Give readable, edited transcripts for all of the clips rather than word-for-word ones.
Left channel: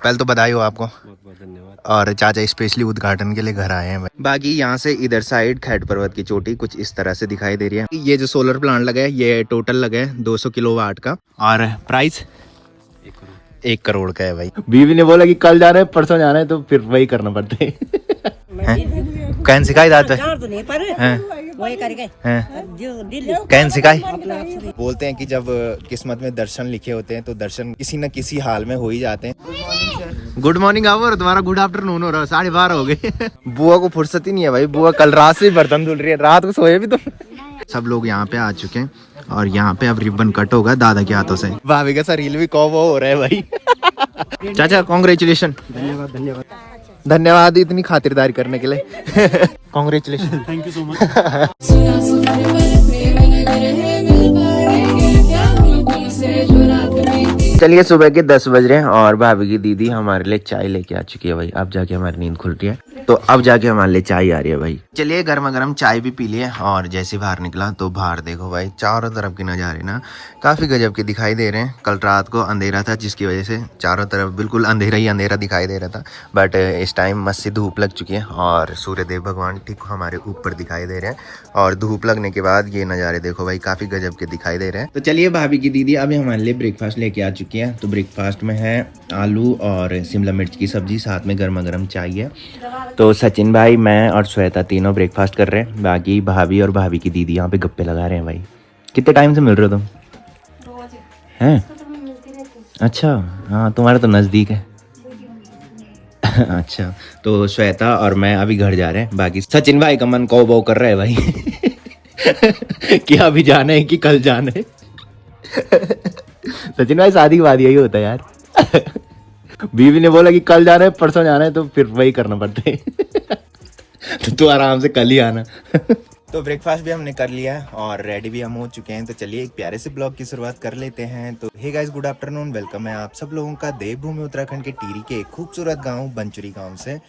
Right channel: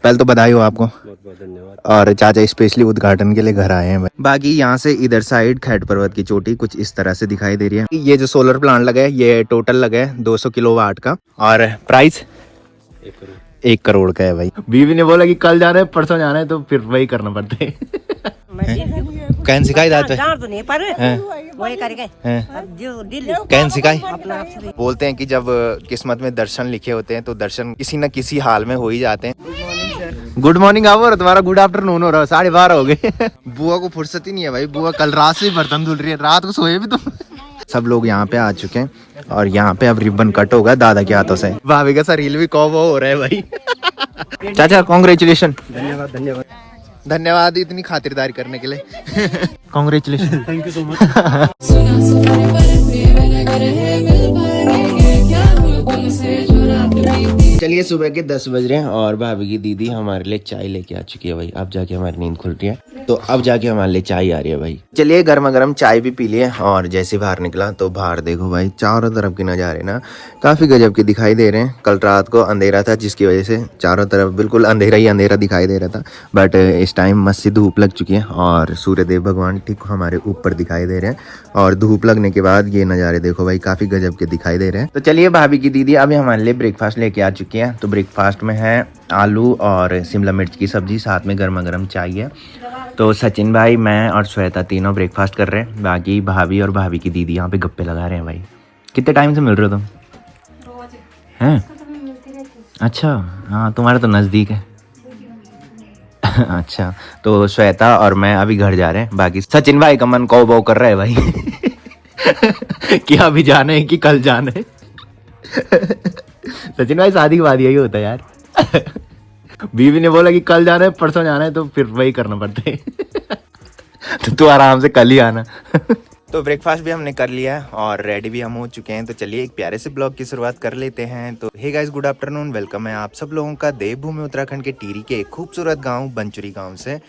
पहले तो बधाई हो आपको। बहुत बहुत धन्यवाद। और चाचा स्पेशली उद्घाटन के लिए घर आए हैं। बाकी यहाँ से इधर साइड खैट पर्वत की चोटी कुछ इस तरह से दिखाई दे रही है। ये जो सोलर प्लांट लगा है ये टोटल लगा है 200 किलोवाट का और प्राइस 1 करोड़ का है भाई। बीवी ने बोला कि कल जा रहे हैं परसों जाना है तो फिर वही करना पड़ता है। कैन सिखाई जाता है कैन सिखाई। बोलते हैं कि जब किस्मत में दर्शन लिखे होते हैं तो दर्शन किसी न किसी हाल में हो ही जाते हैं। गुड मॉर्निंग आओ और तुम्हारा गुड आफ्टरनून हो रहा है। 12:30 हो गए। बुआ को फुर्सत ही नहीं है भाई। बुआ कल रात से ही बर्तन धुल रही है। रात को सोए भी तुम। सब लोग यहाँ पे आ चुके हैं और यहाँ पे अब रिबन कट होगा दादा के हाथों से। भाभी का रील भी कॉबो हो रहा है भाई। चाचा कॉन्ग्रेचुलेशन। धन्यवाद धन्यवाद धन्यवाद इतनी खातिरदारी करने के लिए। Congratulation. Thank you so much. चलिए सुबह के 10 बज रहे हैं और भाभी की दीदी हमारे लिए चाय लेके आ चुकी है भाई। अब जाके हमारी नींद खुल रही है तो अब जाके हमारे लिए चाय आ रही है भाई। चलिए गर्मा गर्म चाय भी पी लिए और जैसे बाहर निकला तो बाहर देखो भाई चारों तरफ के नज़ारे ना काफी गजब के दिखाई दे रहे हैं। कल रात को अंधेरा था जिसकी वजह से चारों तरफ बिल्कुल अंधेरा ही अंधेरा दिखाई दे रहा था, बट इस टाइम मस्त सी धूप लग चुकी है और सूर्यदेव भगवान ठीक हमारे ऊपर दिखाई दे रहे हैं। और धूप लगने के बाद ये नज़ारे देखो भाई काफी गजब के दिखाई दे रहे हैं। तो चलिए भाभी की दीदी अभी हमारे लिए ब्रेकफास्ट लेके आ चुकी है। तो ब्रेकफास्ट में है आलू और शिमला मिर्च की सब्जी, साथ में गर्मा गर्म चाय है। तो सचिन भाई, मैं और श्वेता तीनों ब्रेकफास्ट कर रहे हैं। बाकी भाभी और भाभी की दीदी यहाँ पे गप्पे लगा रहे हैं भाई। कितने टाइम से मिल रहे हो तुम? हैं? अच्छा हाँ, तुम्हारा तो नज़दीक है। अच्छा तो श्वेता और मैं अभी घर जा रहे हैं। बाकी सचिन भाई का मन कौ बो कर रहा है भाई। क्या अभी जाना है कि कल जाना है? सचिन भाई शादी के बाद यही होता है यार। बीवी ने बोला कि कल जाना है परसों जाना है तो फिर वही करना पड़ता है। तो तू आराम से कल ही आना। तो ब्रेकफास्ट भी हमने कर लिया है और रेडी भी हम हो चुके हैं। तो चलिए एक प्यारे से ब्लॉग की शुरुआत कर लेते हैं। तो hey guys, good afternoon, welcome है आप सब लोगों का देवभूमि उत्तराखंड के टिहरी के एक खूबसूरत गांव बंचुरी गांव से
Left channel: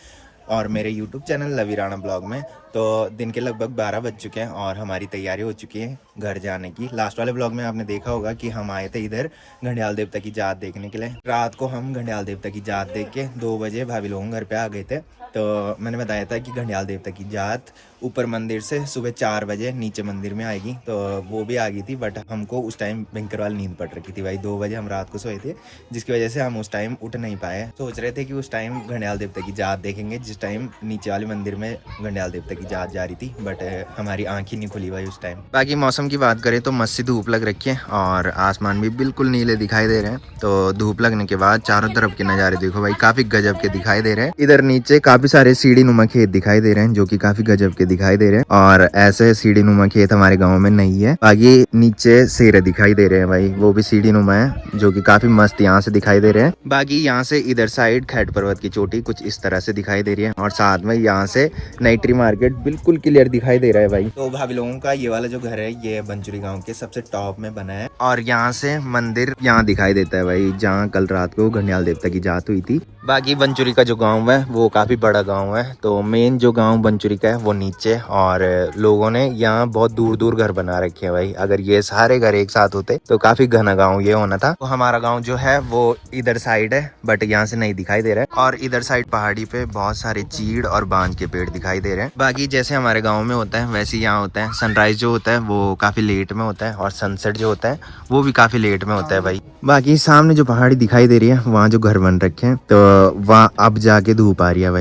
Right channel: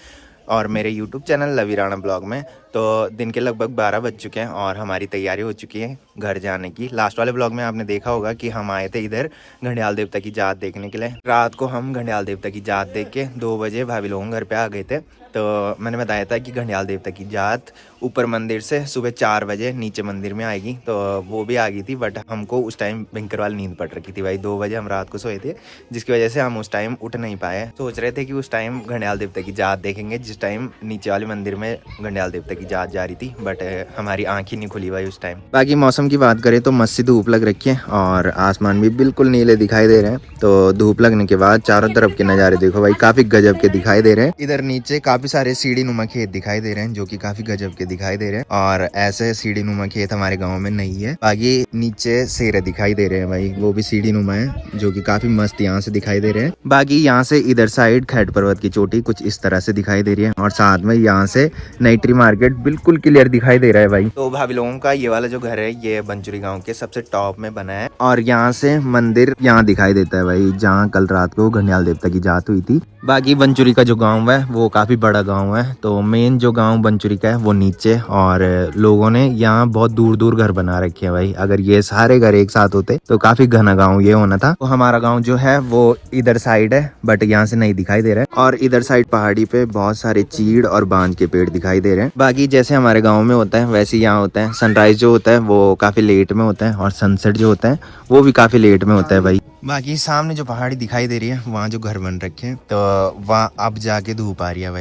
और मेरे यूट्यूब चैनल लवी राणा ब्लॉग में। तो दिन के लगभग 12 बज चुके हैं और हमारी तैयारी हो चुकी है घर जाने की। लास्ट वाले ब्लॉग में आपने देखा होगा कि हम आए थे इधर घंडियाल देवता की जात देखने के लिए। रात को हम घंडियाल देवता की जात देख के 2 बजे भाभी लोगों घर पे आ गए थे। तो मैंने बताया था कि घंडियाल देवता की जात ऊपर मंदिर से सुबह 4 बजे नीचे मंदिर में आएगी, तो वो भी आ गई थी। बट हमको उस टाइम भयंकर वाली नींद पड़ रखी थी भाई। 2 बजे हम रात को सोए थे जिसकी वजह से हम उस टाइम उठ नहीं पाए। सोच रहे थे कि उस टाइम घंडियाल देवता की जात देखेंगे जिस टाइम नीचे वाले मंदिर में घंडियाल देवता की जात जा रही थी, बट हमारी आंख ही नहीं खुली भाई उस टाइम। बाकी मौसम की बात करें तो मस्त सी धूप लग रखी है और आसमान भी बिल्कुल नीले दिखाई दे रहे हैं। तो धूप लगने के बाद चारों तरफ के नज़ारे देखो भाई काफी गजब के दिखाई दे रहे हैं। इधर नीचे काफी सारे सीढ़ी नुमा खेत दिखाई दे रहे हैं जो कि काफी गजब के दिखाई दे रहे हैं और ऐसे सीढ़ी नुमा खेत हमारे गाँव में नहीं है। बाकी नीचे शेर दिखाई दे रहे हैं भाई, वो भी सीढ़ी नुमा है जो कि काफी मस्त यहाँ से दिखाई दे रहे हैं। बाकी यहाँ से इधर साइड खैट पर्वत की चोटी कुछ इस तरह से दिखाई दे रही है और साथ में यहाँ से नाइट्री मार्केट बिल्कुल क्लियर दिखाई दे रहा है भाई। तो भाभी लोगों का ये वाला जो घर है ये बंचुरी गांव के सबसे टॉप में बना है और यहाँ से मंदिर यहाँ दिखाई देता है भाई जहाँ कल रात को घंडियाल देवता की जात हुई थी। बाकी बंचुरी का जो गांव है वो काफी बड़ा गांव है। तो मेन जो गांव बंचुरी का है वो नीचे और लोगों ने यहाँ बहुत दूर दूर घर बना रखे हैं भाई। अगर ये सारे घर एक साथ होते तो काफी घना गाँव ये होना था। तो हमारा गाँव जो है वो इधर साइड है बट यहाँ से नहीं दिखाई दे रहा है और इधर साइड पहाड़ी पे बहुत सारे चीड़ और बांज के पेड़ दिखाई दे रहे हैं। बाकी जैसे हमारे गाँव में होता है वैसे यहाँ होता है। सनराइज जो होता है वो काफी लेट में होता है और सनसेट जो होता है वो भी काफी लेट में होता है भाई। बाकी सामने जो पहाड़ी दिखाई दे रही है वहाँ जो घर बन रखे हैं तो वहाँ अब जाके धूप आ रही है भाई।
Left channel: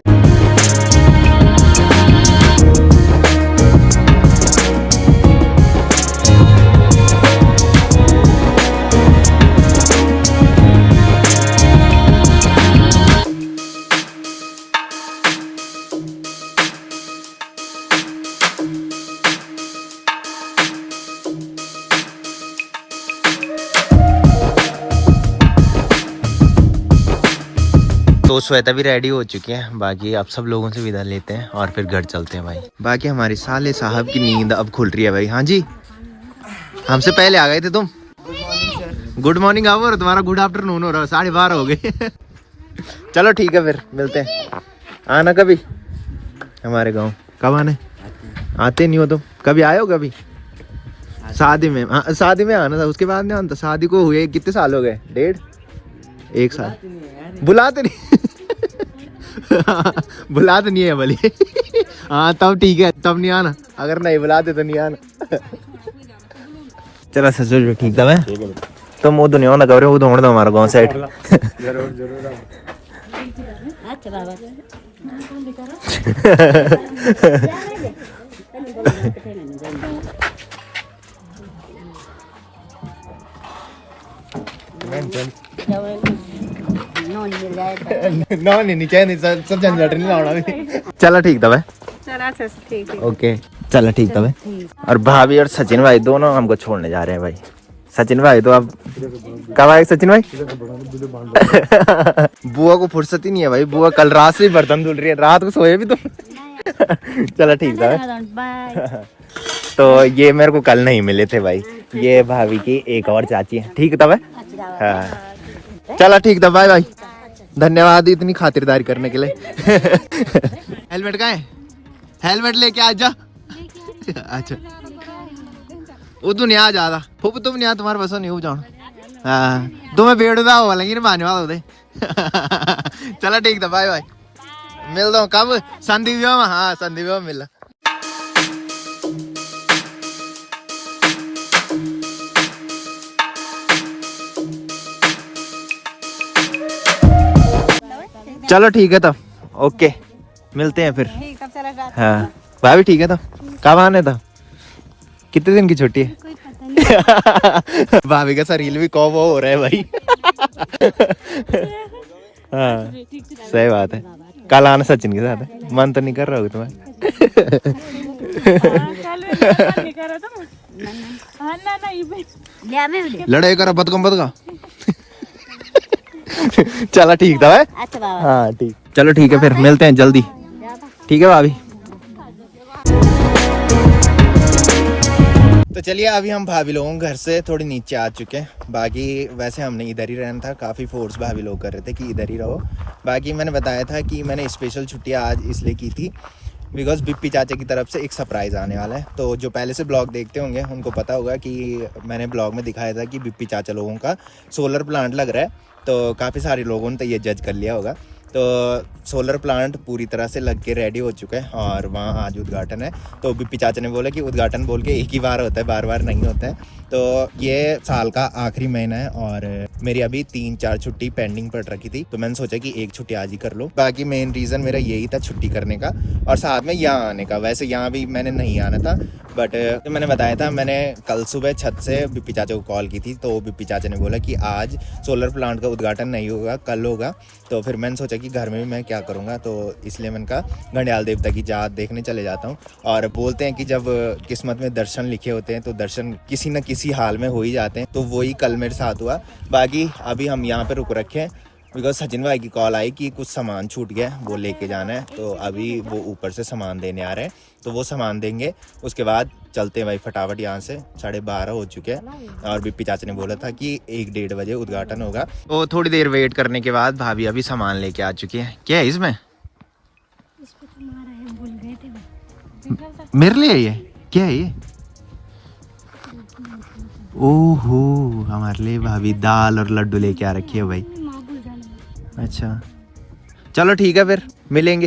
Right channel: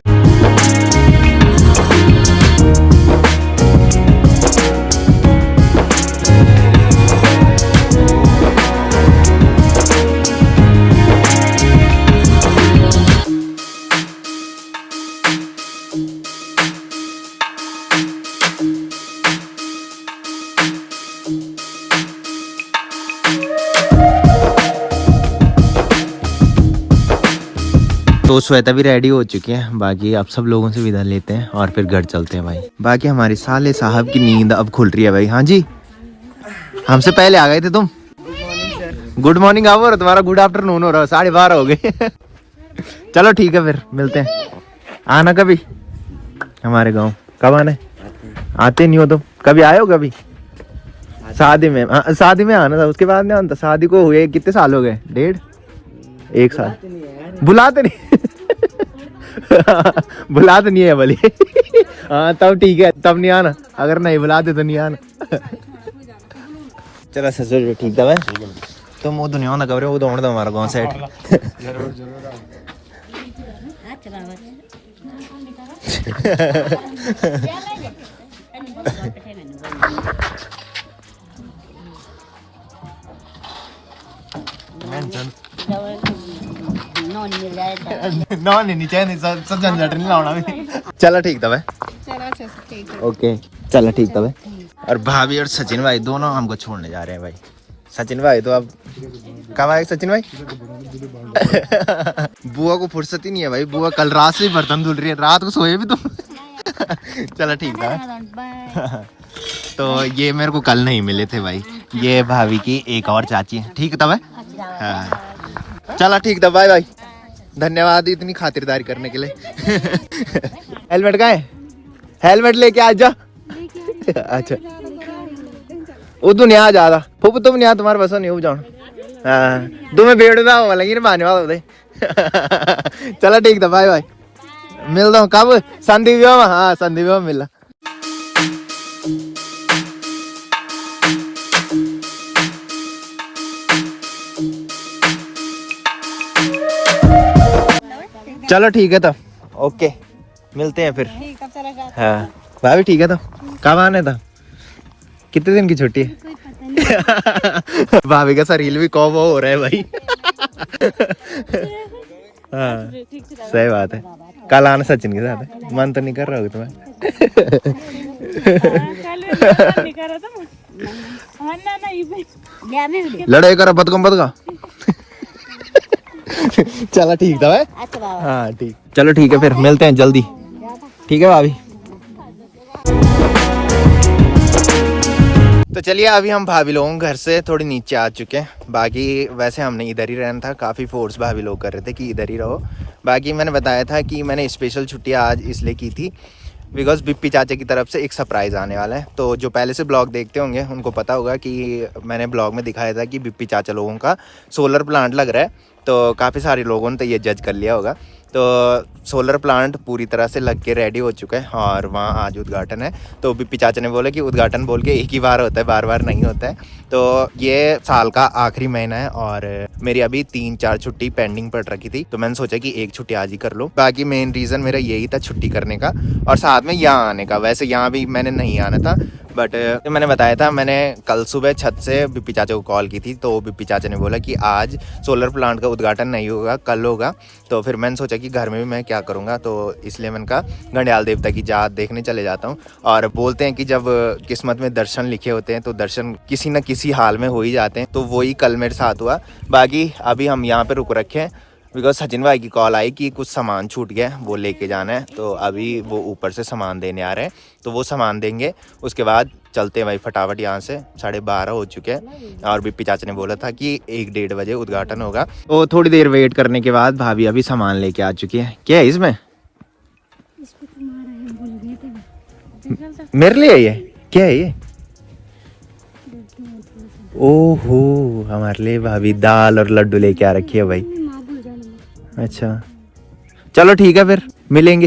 तो श्वेता भी रेडी हो चुकी है। बाकी आप सब लोगों से विदा लेते हैं और फिर घर चलते हैं भाई। बाकी हमारे साले साहब की नींद अब खुल रही है भाई। हाँ जी, हमसे पहले आ गए थे तुम। गुड मॉर्निंग आओ और तुम्हारा गुड आफ्टरनून हो रहा है। 12:30 हो गए। चलो ठीक है फिर मिलते हैं। आना कभी हमारे गाँव। कब आना है? आते नहीं हो तुम? कभी आए हो? कभी शादी में? शादी में आना था, उसके बाद नहीं आना था। शादी को हुए कितने साल हो गए? 1.5 साल। बुलाते नहीं बुलाते नहीं है भले। हाँ तब ठीक है, तब नहीं आना, अगर नहीं बुलाते तो नहीं आना। चलो ससुर ठीक था मैं तो मुँह दुनिया ना करो, वो ढूंढ दो हमारा गाँव साइड। नहीं चाहिए, सब झंझट नहीं लाना भी। चलो ठीक था भाई, ओके चलो ठीक था भाई। और भाभी और सचिन भाई दोनों हमको छोड़ने जा रहे हैं भाई। सचिन भाई तो अब कब आए सचिन भाई? बुआ को फुर्सत ही नहीं है भाई, बुआ कल रात से ही बर्तन धुल रही है, रात को सोए भी तुम। चलो ठीक था। तो ये मेरे को कल नहीं मिले थे भाई, ये भाभी की एक और चाची है। ठीक था भाई, हाँ चलो ठीक था, बाय बाय। धन्यवाद इतनी खातिरदारी करने के लिए। हेलमेट का है, हेलमेट लेके आ जा। अच्छा वो तो नहीं आ ज्यादा फूप तुम नहीं आ, तुम्हारे बस नहीं हो जाओ। हाँ तुम्हें बेड़दा हो लगी ना पाने वाला उधर। चलो ठीक था, बाय बाय। मिलता हूँ कब? संदीप। हाँ संदीप मिला। चलो ठीक है तब, ओके मिलते हैं फिर। हाँ भाभी ठीक है तब, कब आने था? कितने दिन की छुट्टी है? भाभी का शरीर भी कौन हो रहा है भाई। हाँ सही बात है, कल आना सचिन के साथ। मन तो नहीं कर रहा होगा तुम्हें? लड़ाई करो बदकम बदका। चलो ठीक था भाई, हाँ ठीक। चलो ठीक है फिर मिलते हैं जल्दी, ठीक है भाभी। तो चलिए अभी हम भाभी लोगों घर से थोड़ी नीचे आ चुके हैं। बाकी वैसे हमने इधर ही रहना था, काफ़ी फोर्स भाभी लोग कर रहे थे कि इधर ही रहो। बाकी मैंने बताया था कि मैंने स्पेशल छुट्टी आज इसलिए की थी बिकॉज बिप्पी चाचा की तरफ से एक सरप्राइज़ आने वाला है। तो जो पहले से ब्लॉग देखते होंगे उनको पता होगा कि मैंने ब्लॉग में दिखाया था कि बिप्पी चाचा लोगों का सोलर प्लांट लग रहा है। तो काफ़ी सारे लोगों ने तो ये जज कर लिया होगा। तो सोलर प्लांट पूरी तरह से लग के रेडी हो चुका है और वहाँ आज उद्घाटन है। तो बिप्पी चाचा ने बोला कि उद्घाटन बोल के एक ही बार होता है, बार बार नहीं होता है। तो ये साल का आखिरी महीना है और मेरी अभी 3-4 छुट्टी पेंडिंग पड़ रखी थी, तो मैंने सोचा कि एक छुट्टी आज ही कर लो। बाकी मेन रीज़न मेरा यही था छुट्टी करने का और साथ में यहाँ आने का। वैसे यहाँ भी मैंने नहीं आना था, बट तो मैंने बताया था, मैंने कल सुबह छत से बिप्पी चाचा को कॉल की थी। तो बिप्पी चाचा ने बोला कि आज सोलर प्लांट का उद्घाटन नहीं होगा, कल होगा। तो फिर मैंने सोचा कि घर में भी मैं क्या करूँगा, तो इसलिए मैंने कहा घंडियाल देवता की जात देखने चले जाता हूँ। और बोलते हैं कि जब किस्मत में दर्शन लिखे होते हैं तो दर्शन किसी न किसी हाल में हो ही जाते हैं। तो वही कल मेरे साथ हुआ। बाकी अभी हम यहाँ पे रुक रखे हैं बिकॉज सचिन भाई की कॉल आई कि कुछ सामान छूट गया, वो लेके जाना है। तो अभी वो ऊपर से सामान देने आ रहे हैं, तो वो सामान देंगे, उसके बाद चलते हैं भाई फटाफट यहाँ से। 12:30 हो चुके हैं और बिप्पी चाचा ने बोला था कि 1-1:30 बजे उद्घाटन होगा। तो थोड़ी देर वेट करने के बाद भाभी अभी सामान लेके आ चुकी है। क्या है इसमें? मेरे लिए ये क्या है? ये ओहो हमारे लिए भाभी दाल और लड्डू लेके आ रखी है भाई। अच्छा चलो ठीक है फिर मिलेंगे।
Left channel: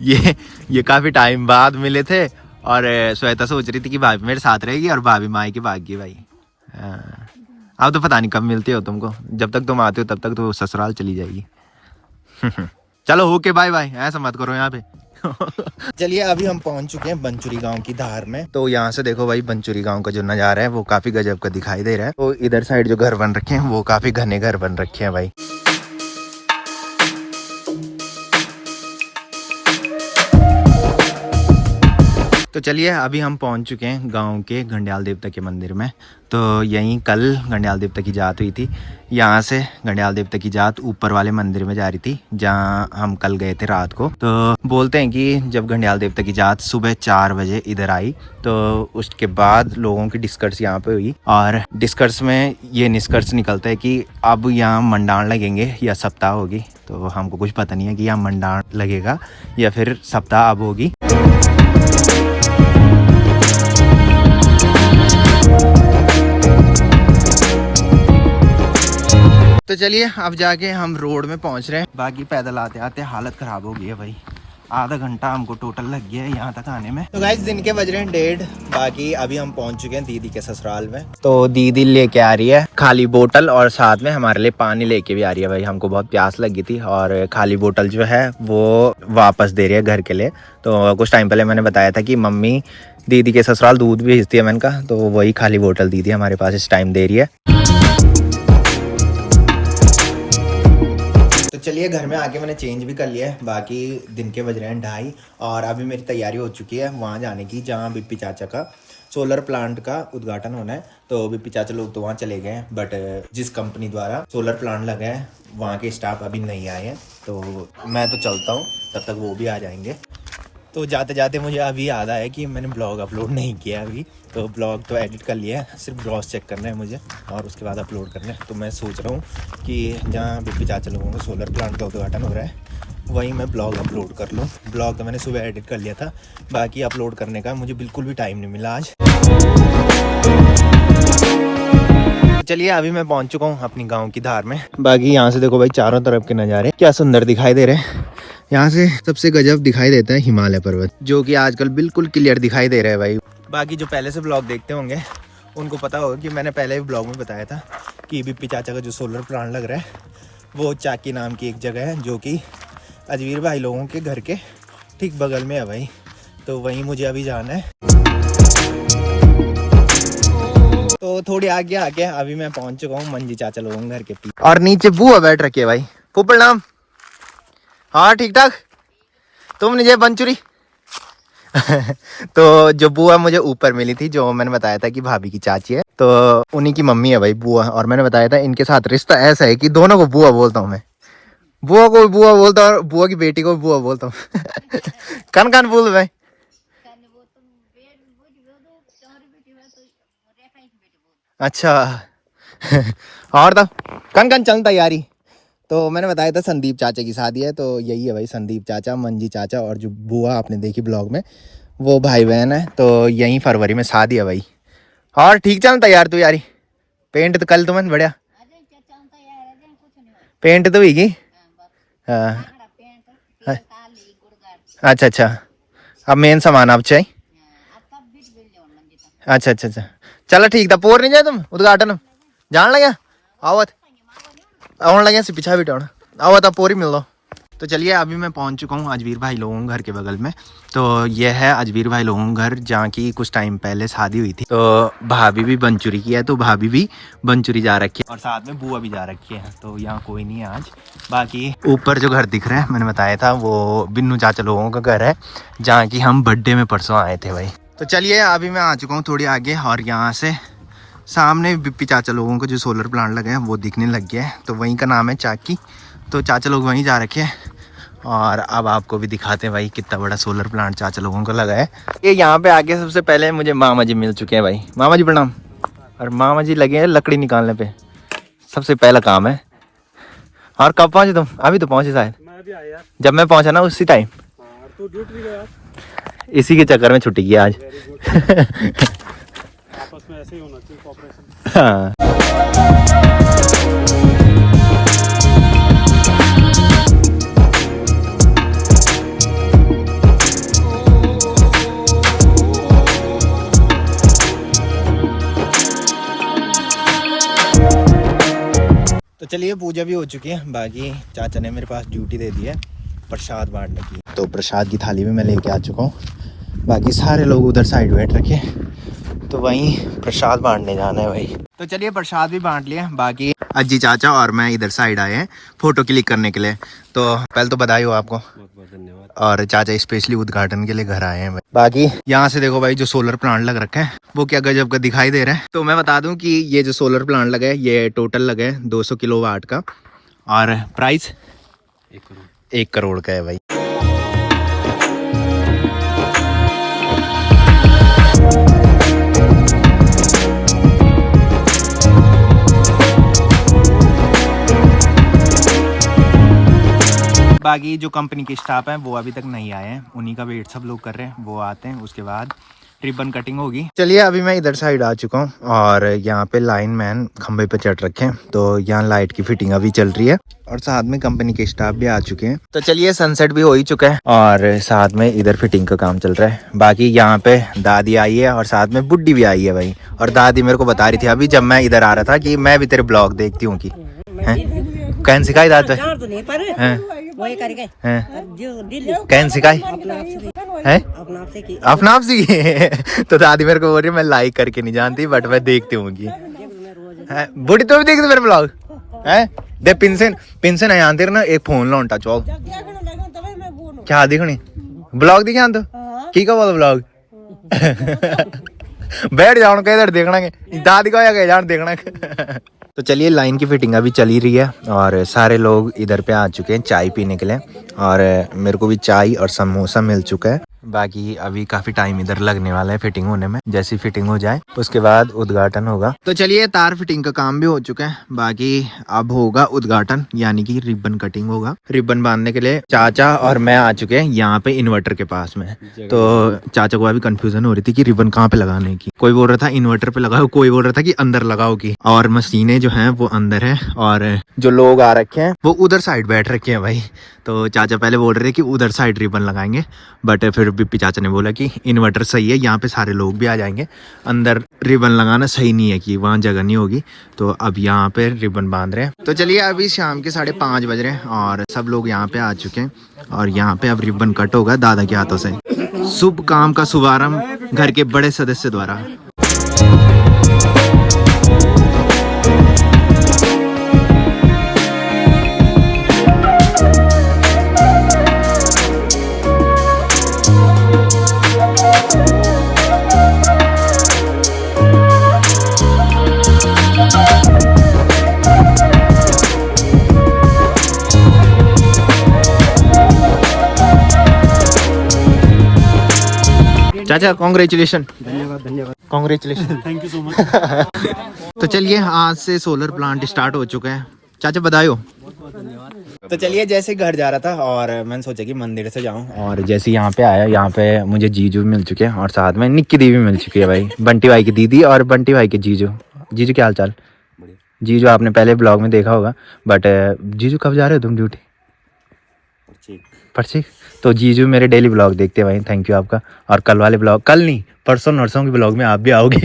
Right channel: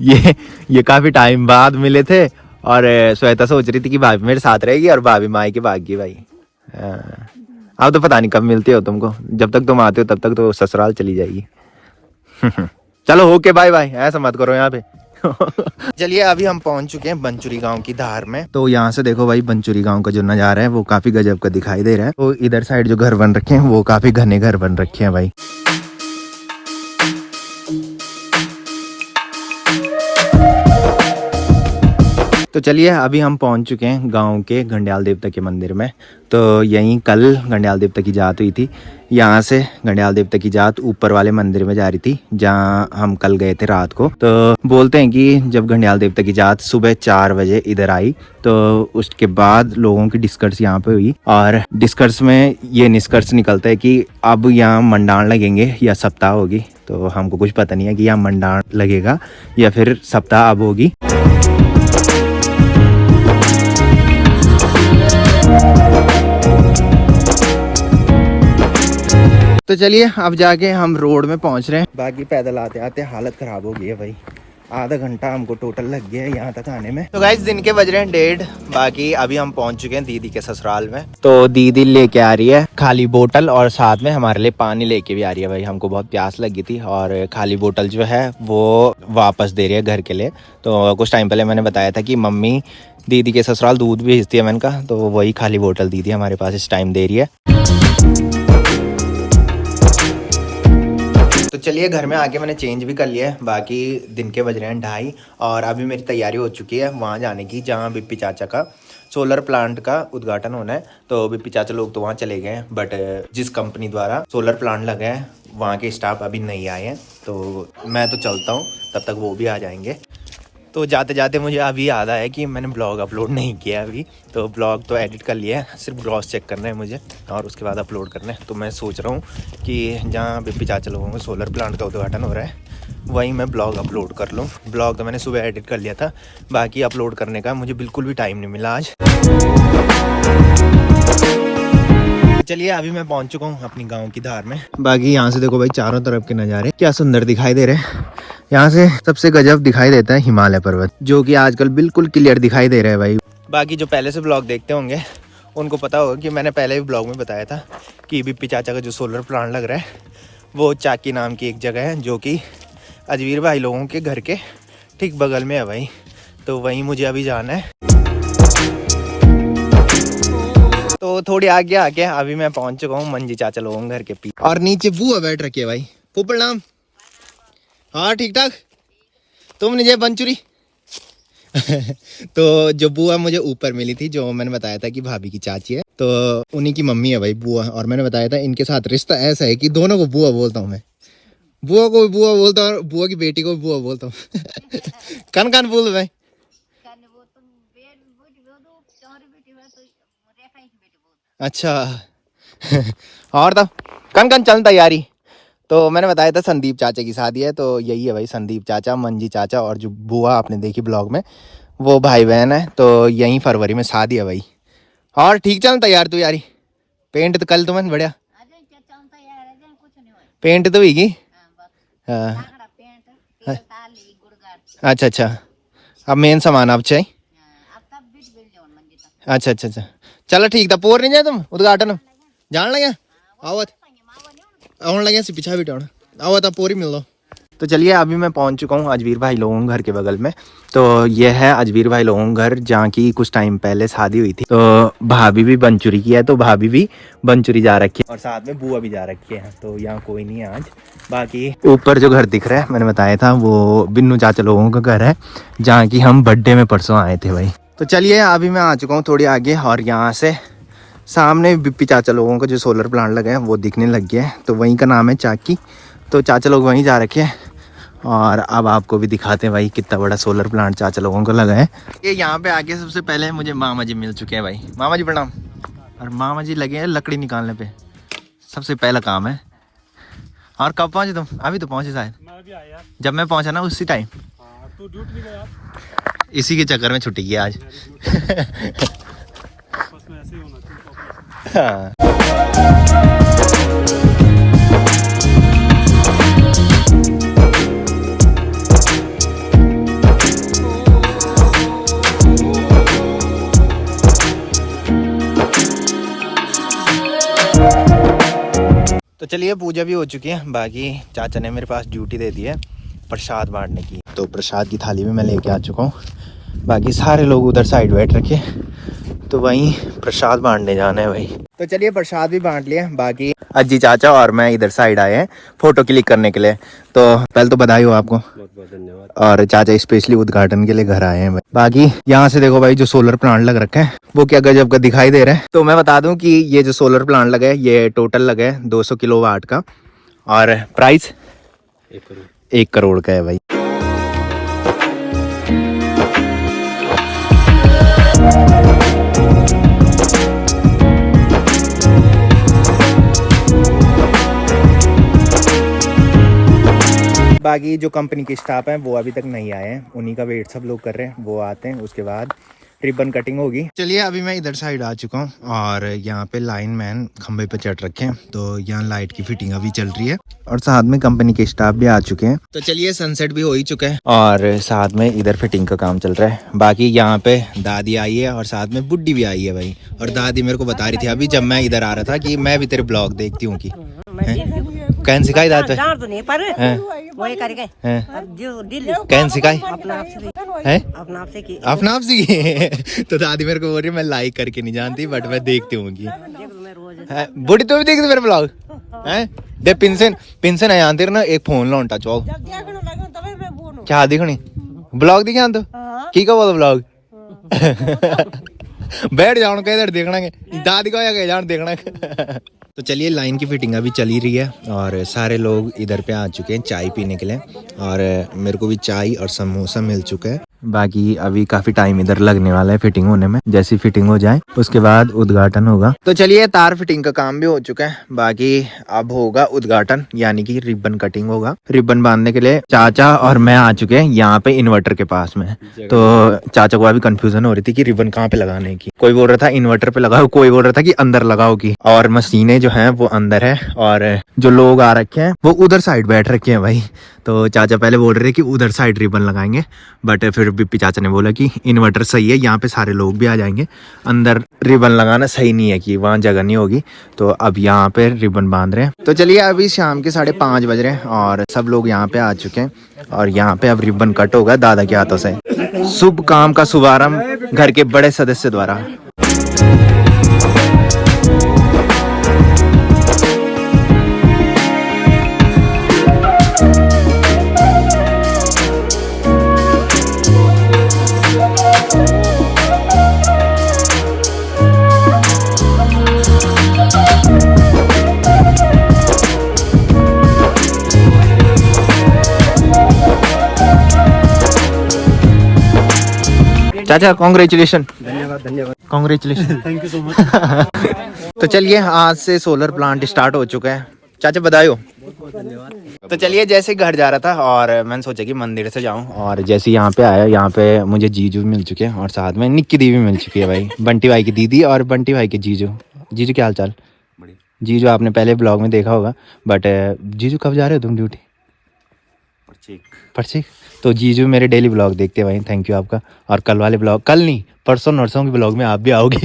ये काफी टाइम बाद मिले थे और श्वेता सोच रही थी कि भाभी मेरे साथ रहेगी और भाभी माई के भाग गई भाई। अब तो पता नहीं कब मिलते हो तुमको, जब तक तुम आते हो तब तक तो ससुराल चली जाएगी। चलो ओके बाय बाय, ऐसा मत करो यहाँ पे। चलिए अभी हम पहुंच चुके हैं बंचुरी गांव की धार में। तो यहाँ से देखो भाई बंचुरी गांव का जो नजारा है वो काफी गजब का दिखाई दे रहा है। तो इधर साइड जो घर बन रखे हैं वो काफी घने घर बन रखे हैं भाई। तो चलिए अभी हम पहुंच चुके हैं गांव के घंडियाल देवता के मंदिर में। तो यहीं कल घंडियाल देवता की जात हुई थी। यहाँ से घंडियाल देवता की जात ऊपर वाले मंदिर में जा रही थी जहाँ हम कल गए थे रात को। तो बोलते हैं कि जब घंडियाल देवता की जात सुबह 4 बजे इधर आई तो उसके बाद लोगों की डिस्कस यहाँ पे हुई और डिस्कस में ये निष्कर्ष निकलता है कि अब यहाँ मंडाण लगेंगे या सप्ताह होगी। तो हमको कुछ पता नहीं है कि यहाँ मंडाण लगेगा या फिर सप्ताह अब होगी। तो चलिए अब जाके हम रोड में पहुंच रहे हैं। बाकी पैदल आते आते हालत खराब हो गई है भाई, आधा घंटा हमको टोटल लग गया है यहाँ तक आने में। तो गाइस दिन के बज रहे हैं 1:30। बाकी अभी हम पहुंच चुके हैं दीदी के ससुराल में। तो दीदी लेके आ रही है खाली बोतल और साथ में हमारे लिए पानी लेके भी आ रही है भाई। हमको बहुत प्यास लगी थी और खाली बोतल जो है वो वापस दे रही है घर के लिए। तो कुछ टाइम पहले मैंने बताया था कि मम्मी दीदी के ससुराल दूध भी भेजती है मैंने कहा, तो वही खाली बोतल दीदी हमारे पास इस टाइम दे रही है। तो चलिए घर में आके मैंने चेंज भी कर लिया है। बाकी दिन के बज रहे हैं 2:30 और अभी मेरी तैयारी हो चुकी है वहाँ जाने की जहाँ बिप्पी चाचा का सोलर प्लांट का उद्घाटन होना है। तो बिप्पी चाचा लोग तो वहाँ चले गए हैं, बट जिस कंपनी द्वारा सोलर प्लांट लगा है वहाँ के स्टाफ अभी नहीं आए हैं। तो मैं तो चलता हूँ, तब तक वो भी आ जाएंगे। तो जाते जाते मुझे अभी याद आया कि मैंने ब्लॉग अपलोड नहीं किया अभी। तो ब्लॉग तो एडिट कर लिया है, सिर्फ ग्रॉस चेक करना है मुझे और उसके बाद अपलोड करना है। तो मैं सोच रहा हूँ कि जहाँ बिप्पी चाचा लोगों को सोलर प्लांट का उद्घाटन हो रहा है वहीं मैं ब्लॉग अपलोड कर लूँ। ब्लॉग तो मैंने सुबह एडिट कर लिया था, बाकी अपलोड करने का मुझे बिल्कुल भी टाइम नहीं मिला आज। चलिए अभी मैं पहुँच चुका हूँ अपनी गाँव की धार में। बाकी यहाँ से देखो भाई चारों तरफ के नज़ारे क्या सुंदर दिखाई दे रहे हैं। यहाँ से सबसे गजब दिखाई देता है हिमालय पर्वत, जो कि आजकल बिल्कुल क्लियर दिखाई दे रहे हैं भाई। बाकी जो पहले से ब्लॉग देखते होंगे उनको पता होगा कि मैंने पहले भी ब्लॉग में बताया था कि बिप्पी चाचा का जो सोलर प्लांट लग रहा है वो चाकी नाम की एक जगह है, जो कि अजवीर भाई लोगों के घर के ठीक बगल में है भाई। तो वहीं मुझे अभी जाना है। तो थोड़ी आगे आके अभी मैं पहुंच चुका हूँ मंजी चाचा लोगों के घर के पीछे, और नीचे बुआ बैठ रखी है भाई। फूफड़ नाम हाँ ठीक ठाक, तुम नीचे बंचुरी। तो जो बुआ मुझे ऊपर मिली थी, जो मैंने बताया था कि भाभी की चाची है, तो उन्हीं की मम्मी है भाई बुआ। और मैंने बताया था इनके साथ रिश्ता ऐसा है कि दोनों को बुआ बोलता हूँ मैं। बुआ को भी बुआ बोलता हूँ और बुआ की बेटी को भी बुआ बोलता हूँ। कन कन बोल भाई। अच्छा। और तो कन कन चल तैयारी। तो मैंने बताया था संदीप चाचा की शादी है, तो यही है भाई संदीप चाचा, मंजी चाचा और जो बुआ आपने देखी ब्लॉग में वो भाई बहन है। तो यही फरवरी में शादी है भाई। और ठीक चल तैयार तू यारी। पेंट तो कल तुम्हें बढ़िया पेंट तो हुई। हाँ अच्छा अच्छा, अब मेन सामान अब चाहिए। अच्छा अच्छा अच्छा चलो ठीक था। पोर नहीं जाए तुम उद्घाटन जान लगे आवत आने लगे से पीछा भी टाउन आवत आप पोरी मिल लो। तो चलिए अभी मैं पहुंच चुका हूँ अजवीर भाई लोगों के घर के बगल में। तो ये है अजवीर भाई लोगों का घर जहाँ की कुछ टाइम पहले शादी हुई थी। तो भाभी भी बनचुरी की है, तो भाभी भी बनचुरी जा रखी है और साथ में बुआ भी जा रखी है। तो यहाँ कोई नहीं है आज। बाकी ऊपर जो घर दिख रहा है मैंने बताया था वो बिन्नू चाचा लोगों का घर है, जहाँ की हम बर्थडे में परसों आए थे भाई। तो चलिए अभी मैं आ चुका हूँ थोड़ी आगे और यहाँ से सामने बिप्पी चाचा लोगों का जो सोलर प्लांट लगा है वो दिखने लग गया है। तो वहीं का नाम है चाकी। तो चाचा लोग वहीं जा रखे हैं और अब आपको भी दिखाते हैं भाई कितना बड़ा सोलर प्लांट चाचा लोगों को लगा है। ये यहाँ पे आके सबसे पहले मुझे मामा जी मिल चुके हैं भाई। मामा जी प्रणाम। और मामा जी लगे हैं लकड़ी निकालने पे, सबसे पहला काम है। और कब पहुँचे तुम? अभी तो पहुँचे शायद। जब मैं पहुँचा ना उसी टाइम। इसी के चक्कर में छुट्टी की आज। हाँ तो चलिए पूजा भी हो चुकी है। बाकी चाचा ने मेरे पास ड्यूटी दे दी है प्रसाद बांटने की। तो प्रसाद की थाली भी मैं लेके आ चुका हूँ। बाकी सारे लोग उधर साइड बैठ रखे, तो वहीं प्रसाद बांटने जाना है भाई। तो चलिए प्रसाद भी बांट लिया। बाकी अज्जी चाचा और मैं इधर साइड आए हैं फोटो क्लिक करने के लिए। तो पहले तो बधाई हो आपको, बहुत बहुत धन्यवाद। और चाचा स्पेशली उद्घाटन के लिए घर आए हैं भाई। बाकी यहाँ से देखो भाई जो सोलर प्लांट लग रखा है वो क्या गजब का दिखाई दे रहा है। तो मैं बता दूं कि ये जो सोलर प्लांट लगा है ये टोटल लगा है 200 किलोवाट का और प्राइस 1 करोड़ का है भाई। बाकी जो कंपनी के स्टाफ हैं वो अभी तक नहीं आए हैं, उन्हीं का वेट सब लोग कर रहे हैं। वो आते हैं उसके बाद रिबन कटिंग होगी। चलिए अभी मैं इधर साइड आ चुका हूँ और यहाँ पे लाइन मैन खंबे पे चढ़ रखे हैं, तो यहाँ लाइट की फिटिंग अभी चल रही है और साथ में कंपनी के स्टाफ भी आ चुके हैं। तो चलिए सनसेट भी हो ही चुका है और साथ में इधर फिटिंग का काम चल रहा है। बाकी यहाँ पे दादी आई है और साथ में बुड्ढी भी आई है भाई। और दादी मेरे को बता रही थी अभी जब मैं इधर आ रहा था कि मैं भी तेरे ब्लॉग देखती हूँ की कहन सिखाई दादा कहन सिखाई है अपना आप सीखी। तो दादी मेरे को बोल रही है मैं लाइक करके नहीं जानती बट मैं देखती हूँ बुढ़ी तो भी देखती मेरे ब्लॉग है। दे पिंसन पिंसन है यहाँ तेरे ना एक फोन लौटा चौक क्या दिखनी ब्लॉग दिखा तो की का बोल ब्लॉग बैठ जाओ कहीं इधर देखना दादी का या जान देखना। तो चलिए लाइन की फिटिंग अभी चल ही रही है और सारे लोग इधर पे आ चुके हैं चाय पीने के लिए और मेरे को भी चाय और समोसा मिल चुका है। बाकी अभी काफी टाइम इधर लगने वाला है फिटिंग होने में। जैसी फिटिंग हो जाए उसके बाद उद्घाटन होगा। तो चलिए तार फिटिंग का काम भी हो चुका है, बाकी अब होगा उद्घाटन यानी कि रिबन कटिंग होगा। रिबन बांधने के लिए चाचा और मैं आ चुके हैं यहाँ पे इन्वर्टर के पास में। तो चाचा को अभी कंफ्यूजन हो रही थी कि रिबन कहाँ पे लगाने की। कोई बोल रहा था इन्वर्टर पे लगाओ, कोई बोल रहा था कि अंदर लगाओ की। और मशीनें जो है वो अंदर है और जो लोग आ रखे हैं वो उधर साइड बैठ रखे हैं भाई। तो चाचा पहले बोल रहे कि उधर साइड रिबन लगाएंगे बट फिर बिप्पी चाचा ने बोला कि इन्वर्टर सही है, यहाँ पे सारे लोग भी आ जाएंगे, अंदर रिबन लगाना सही नहीं है कि वहाँ जगह नहीं होगी। तो अब यहाँ पे रिबन बांध रहे हैं। तो चलिए अभी शाम के 5:30 बज रहे हैं और सब लोग यहाँ पे आ चुके हैं और यहाँ पे अब रिबन कट होगा दादा के हाथों से। शुभ काम का शुभारंभ घर के बड़े सदस्य द्वारा। चाचा कॉन्ग्रेचुलेशन। धन्यवाद congratulation thank you so much. तो चलिए आज से सोलर प्लांट स्टार्ट हो चुका है। चाचा बधाई। तो चलिए जैसे घर जा रहा था और मैंने सोचा कि मंदिर से जाऊं और जैसे यहाँ पे आया यहाँ पे मुझे जीजू मिल चुके हैं और साथ में निक्की दी भी मिल चुकी है भाई। बंटी भाई की दीदी और बंटी भाई के जीजू। जीजू क्या हाल चाल? जीजू आपने पहले ब्लॉग में देखा होगा बट जीजू कब जा रहे हो तुम ड्यूटी? परची। तो जीजू मेरे डेली ब्लॉग देखते हैं भाई, थैंक यू आपका। और कल वाले ब्लॉग, कल नहीं परसों नरसों के ब्लॉग में आप भी आओगे।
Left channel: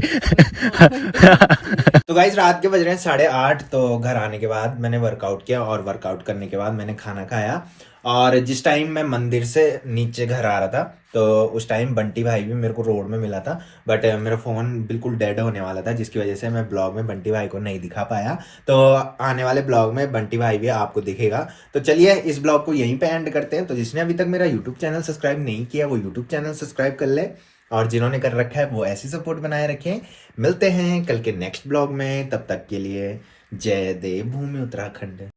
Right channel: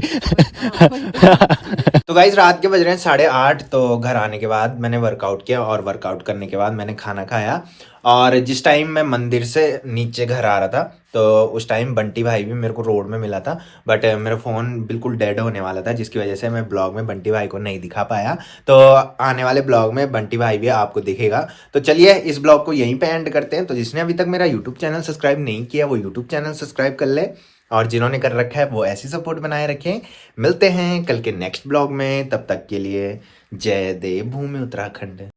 तो गाइस रात के बज रहे हैं 8:30। तो घर आने के बाद मैंने वर्कआउट किया और वर्कआउट करने के बाद मैंने खाना खाया और जिस टाइम मैं मंदिर से नीचे घर आ रहा था तो उस टाइम बंटी भाई भी मेरे को रोड में मिला था बट मेरा फ़ोन बिल्कुल डेड होने वाला था जिसकी वजह से मैं ब्लॉग में बंटी भाई को नहीं दिखा पाया। तो आने वाले ब्लॉग में बंटी भाई भी आपको दिखेगा। तो चलिए इस ब्लॉग को यहीं पे एंड करते हैं। तो जिसने अभी तक मेरा यूट्यूब चैनल सब्सक्राइब नहीं किया वो यूट्यूब चैनल सब्सक्राइब कर ले और जिन्होंने कर रखा है वो ऐसी सपोर्ट बनाए रखें। मिलते हैं कल के नेक्स्ट ब्लॉग में, तब तक के लिए जय देव भूमि उत्तराखंड।